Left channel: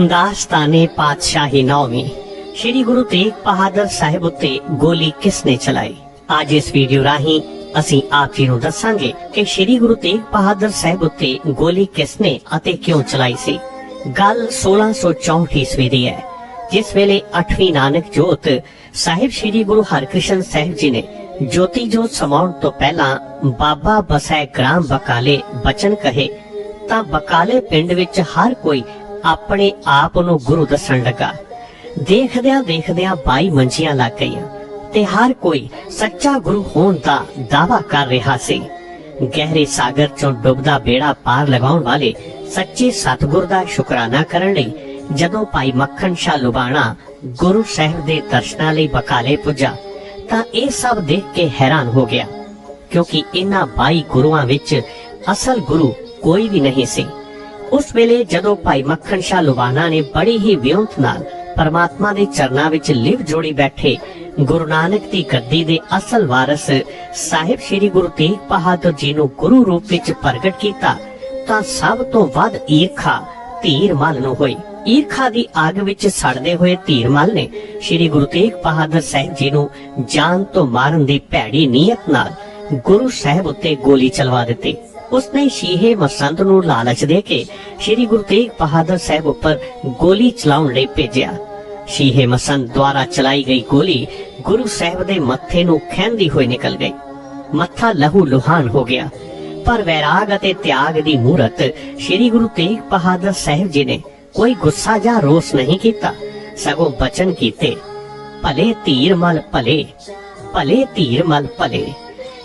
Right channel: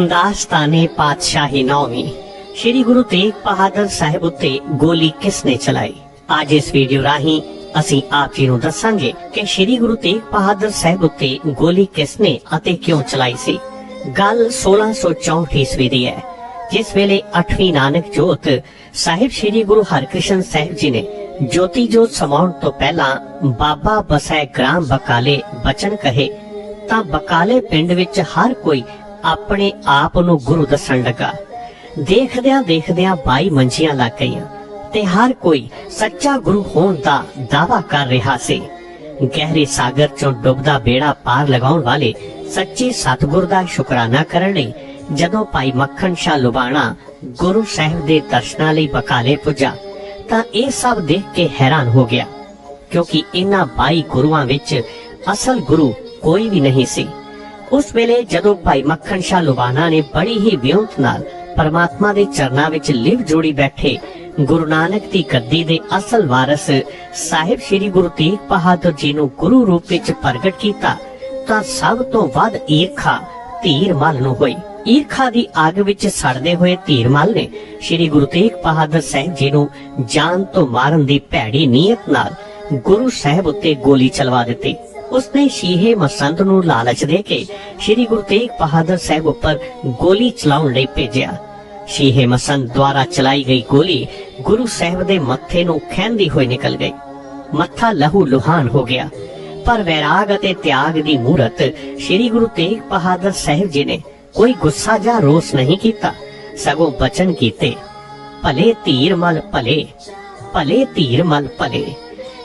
ਦਾਸਤਾਨੇ ਪਾਤਸ਼ਾਹੀ ਨੌਵੀਂ ਸ਼੍ਰੀ ਗੁਰੂ ਤੇਗ ਬਹਾਦਰ ਸਾਹਿਬ ਉੱਤੇ ਗੋਲੀ ਕਿਸ ਨੇ ਚਲਾਈ ਅੱਜ ਇਸ ਵੀਡੀਓ ਰਾਹੀਂ ਅਸੀਂ ਆਪ ਜੀ ਨੂੰ ਦੱਸਾਂਗੇ ਕਿ ਸ਼੍ਰੀ ਗੁਰੂ ਤੇਗ ਬਹਾਦਰ ਸਾਹਿਬ ਉੱਤੇ ਗੋਲੀ ਕਿਸ ਨੇ ਅਤੇ ਕਿਉਂ ਚਲਾਈ ਸੀ ਗੱਲ 1664 ਈਸਵੀ ਦੀ ਹੈ ਜਿਸ ਵੇਲੇ 8ਵੀਂ ਨਾਨਕ ਜੋਤ ਸਾਹਿਬ ਸ਼੍ਰੀ ਗੁਰੂ ਹਰਕ੍ਰਿਸ਼ਨ ਸਾਹਿਬ ਜੀ ਨੇ ਜੋਤੀ ਜੋਤ ਸਮਾਉਣ ਤੋਂ ਪਹਿਲਾਂ ਬਾਬਾ ਬਸੈ ਗ੍ਰਾਮ ਬਕਾਲੇ ਬਚਨ ਕਹੇ, ਤਾਂ ਬਕਾਲੇ ਪਿੰਡ ਵਿੱਚ ਹਰ ਕੋਈ ਆਪਣੇ ਆਪ ਨੂੰ ਗੁਰੂ ਦੱਸਣ ਲੱਗਾ। ਦੇਖਦਿਆਂ ਦੇਖਦਿਆਂ 22 ਮੰਜੀਆਂ ਲੱਗ ਗਈਆਂ ਤੇ ਹਰ ਕੋਈ ਸੱਚਾ ਗੁਰੂ ਹੋਣ ਦਾ ਦਾਵਾ ਕਰ ਰਿਹਾ ਸੀ। ਗਹਿਰੇ ਸਾਗਰ ਚੋਂ ਡੁੱਬਦਾ ਬੇੜਾ ਪਾਰ ਲਗਾਉਣ ਵਾਲੇ ਸੱਚੇ ਸਤਿਗੁਰ ਦਾ ਸ਼ੁਕਰਾਨਾ ਕਰਨ ਲਈ ਜਦੋਂ ਭਾਈ ਮੱਖਣ ਸ਼ਾਹ ਲੁਬਾਣਾ ਗੁਰੂ ਸਾਹਿਬ ਦੇ ਦਰਸ਼ਨਾਂ ਲਈ ਬਕਾਲੇ ਪੁੱਜਾ ਤਾਂ ਇਹ ਸਭ ਦੇਖ ਕੇ ਹੈਰਾਨ ਹੋ ਗਿਆ, ਕਿਉਂਕਿ ਇਹਨਾਂ 22 ਗੁਰੂਆਂ ਵਿੱਚ ਅਸਲ ਗੁਰੂ ਕੋਈ ਵੀ ਨਹੀਂ ਸੀ। ਉਸ ਵੇਲੇ ਜਦੋਂ ਭਾਈ ਮੱਖਣ ਸ਼ਾਹ ਲੁਬਾਣਾ ਨੇ ਬੜੀ ਹੀ ਵਿਉਂਤ ਨਾਲ ਪਰਮਾਤਮਾ ਦੇ ਚਰਨਾਂ ਵਿੱਚ ਲਿਵ ਜੋੜੀ ਬੈਠੇ ਗੁਰੂ ਨਾਨਕ ਦੀ ਗੱਦੀ ਦੇ ਅਸਲ ਵਾਰਿਸ ਸਾਹਿਬ ਸ੍ਰੀ ਗੁਰੂ ਤੇਗ ਬਹਾਦਰ ਜੀ ਨੂੰ ਗੁਰੂ ਰੂਪ ਵਿੱਚ ਪ੍ਰਗਟ ਕੀਤਾ, ਤਾਂ ਸਭ ਤੋਂ ਵੱਧ ਈਰਖਾ ਧੀਰ ਮਲ ਨੂੰ ਹੋਈ। ਈਰਖਾ ਦੀ ਅੱਗ ਵਿੱਚ ਸੜਦੇ ਹੋਏ ਧੀਰ ਨੇ ਸ੍ਰੀ ਗੁਰੂ ਤੇਗ ਬਹਾਦਰ ਸਾਹਿਬ ਜੀ ਨੂੰ ਜਾਨ ਤੋਂ ਮਾਰਨ ਦੀ ਭੈੜੀ ਨੀਅਤ ਨਾਲ ਗੁਰੂ ਸਾਹਿਬ ਉੱਤੇ ਗੋਲੀ ਚਲਵਾ ਦਿੱਤੀ। ਉਸਨੇ ਸ਼ੀਹੇ ਮਸੰਦ ਨੂੰ ਲਾਲਚ ਦੇ ਕੇ ਸ੍ਰੀ ਗੁਰੂ ਤੇਗ ਬਹਾਦਰ ਸਾਹਿਬ ਉੱਪਰ ਗੋਲੀ ਚਲਾਉਣ ਲਈ ਭੇਜਿਆ। ਸ਼ੀਹੇ ਮਸੰਦ ਦੁਆਰਾ ਚਲਾਈ ਗਈ ਗੋਲੀ ਗੁਰੂ ਸਾਹਿਬ ਦੇ ਮੱਥੇ ਨੂੰ ਖੈਂਦੀ ਹੋਈ ਨਿਕਲ ਗਈ। ਮੱਥਾ ਲਹੂ ਲੁਹਾਨ ਹੋ ਗਿਆ। ਪਰ ਵੈਰਾਗ ਅਤੇ ਤਿਆਗ ਦੀ ਮੂਰਤ ਸ੍ਰੀ ਗੁਰੂ ਤੇਗ ਬਹਾਦਰ ਸਾਹਿਬ ਜੀ ਨੇ ਕੋਈ ਗੁੱਸਾ ਜਾਂ ਰੋਸ ਨਹੀਂ ਕੀਤਾ। ਸਗੋਂ ਬਚਨ ਕੀਤੇ, ਭਲੇ ਧੀਰ ਮਲ ਭਲੇ ਭਲੇ ਧੀਰ ਮਲ ਭਲੇ।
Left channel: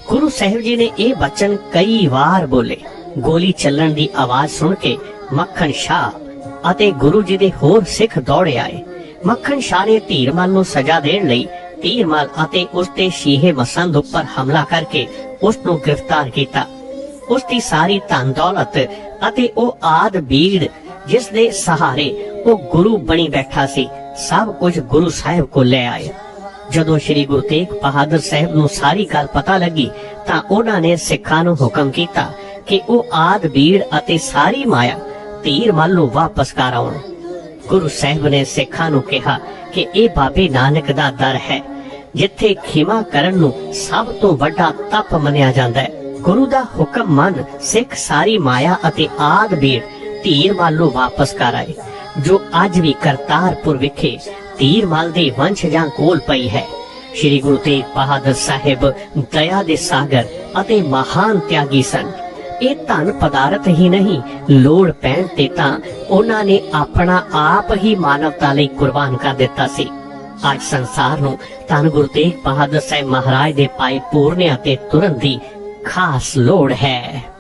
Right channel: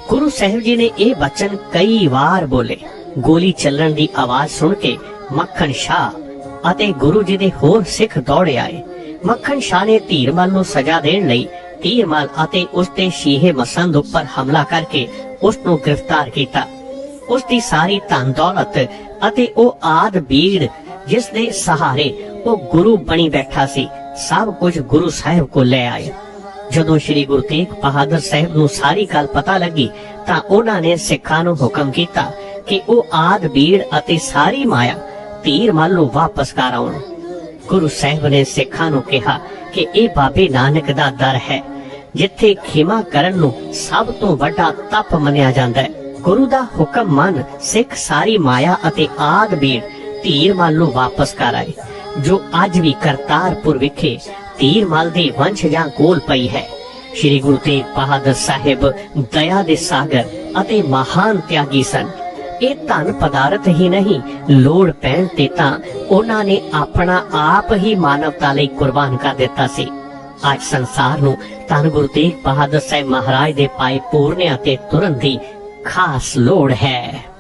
ਗੁਰੂ ਸਾਹਿਬ ਜੀ ਨੇ ਇਹ ਬਚਨ ਕਈ ਵਾਰ ਬੋਲੇ। ਗੋਲੀ ਚੱਲਣ ਦੀ ਆਵਾਜ਼ ਸੁਣ ਕੇ ਮੱਖਣ ਸ਼ਾਹ ਅਤੇ ਗੁਰੂ ਜੀ ਦੇ ਹੋਰ ਸਿੱਖ ਦੌੜੇ ਆਏ। ਮੱਖਣ ਸ਼ਾਹ ਨੇ ਧੀਰਮਲ ਨੂੰ ਸਜ਼ਾ ਦੇਣ ਲਈ ਧੀਰਮਲ ਅਤੇ ਉਸ ਦੇ ਸ਼ੀਹੇ ਮਸੰਦ ਉੱਪਰ ਹਮਲਾ ਕਰਕੇ ਉਸ ਨੂੰ ਗ੍ਰਿਫਤਾਰ ਕੀਤਾ। ਉਸ ਦੀ ਸਾਰੀ ਧਨ ਦੌਲਤ ਅਤੇ ਉਹ ਆਦ ਬੀੜ ਜਿਸ ਦੇ ਸਹਾਰੇ ਉਹ ਗੁਰੂ ਬਣੀ ਬੈਠਾ ਸੀ, ਸਭ ਕੁਝ ਗੁਰੂ ਸਾਹਿਬ ਕੋ ਲੈ ਆਏ। ਜਦੋਂ ਸ੍ਰੀ ਗੁਰੂ ਤੇਗ ਬਹਾਦਰ ਸਾਹਿਬ ਨੂੰ ਸਾਰੀ ਗੱਲ ਪਤਾ ਲੱਗੀ, ਤਾਂ ਉਹਨਾਂ ਨੇ ਸਿੱਖਾਂ ਨੂੰ ਹੁਕਮ ਕੀਤਾ ਕਿ ਉਹ ਆਦ ਬੀੜ ਅਤੇ ਸਾਰੀ ਮਾਇਆ ਤੀਰ ਮਲ ਨੂੰ ਵਾਪਸ ਕਰ ਆਉਣ। ਗੁਰੂ ਸਾਹਿਬ ਨੇ ਸਿੱਖਾਂ ਨੂੰ ਕਿਹਾ ਕਿ ਇਹ ਬਾਬੇ ਨਾਨਕ ਦਾ ਦਰ ਹੈ, ਜਿੱਥੇ ਖਿਮਾ ਕਰਨ ਨੂੰ ਸਭ ਤੋਂ ਵੱਡਾ ਤਪ ਮੰਨਿਆ ਜਾਂਦਾ ਹੈ। ਗੁਰੂ ਦਾ ਹੁਕਮ ਮੰਨ ਸਿੱਖ ਸਾਰੀ ਮਾਇਆ ਅਤੇ ਆਦ ਬੀੜ ਧੀਰ ਮਲ ਵਾਪਸ ਕਰ ਆਏ, ਜੋ ਅੱਜ ਵੀ ਕਰਤਾਰਪੁਰ ਵਿਖੇ ਧੀਰ ਮਲ ਦੇ ਵੰਸ਼ਜਾਂ ਕੋਲ ਪਈ ਹੈ। ਸ਼੍ਰੀ ਗੁਰੂ ਤੇਗ ਬਹਾਦਰ ਸਾਹਿਬ ਦਇਆ ਦੇ ਸਾਗਰ ਅਤੇ ਮਹਾਨ ਤਿਆਗੀ ਸਨ। ਇਹ ਧਨ ਪਦਾਰਥ ਹੀ ਨਹੀਂ, ਲੋੜ ਪੈਣ ਤੇ ਤਾਂ ਉਹਨਾਂ ਨੇ ਆਪਣਾ ਆਪ ਹੀ ਮਾਨਵਤਾ ਲਈ ਕੁਰਬਾਨ ਕਰ ਦਿੱਤਾ ਸੀ। ਅੱਜ ਸੰਸਾਰ ਨੂੰ ਧੰਨ ਗੁਰੂ ਤੇਗ ਬਹਾਦਰ ਸਾਹਿਬ ਮਹਾਰਾਜ ਦੇ ਪਾਏ ਪੂਰਨਿਆਂ ਤੇ ਤੁਰੰਤ ਹੀ ਖਾਸ ਲੋੜ ਹੈ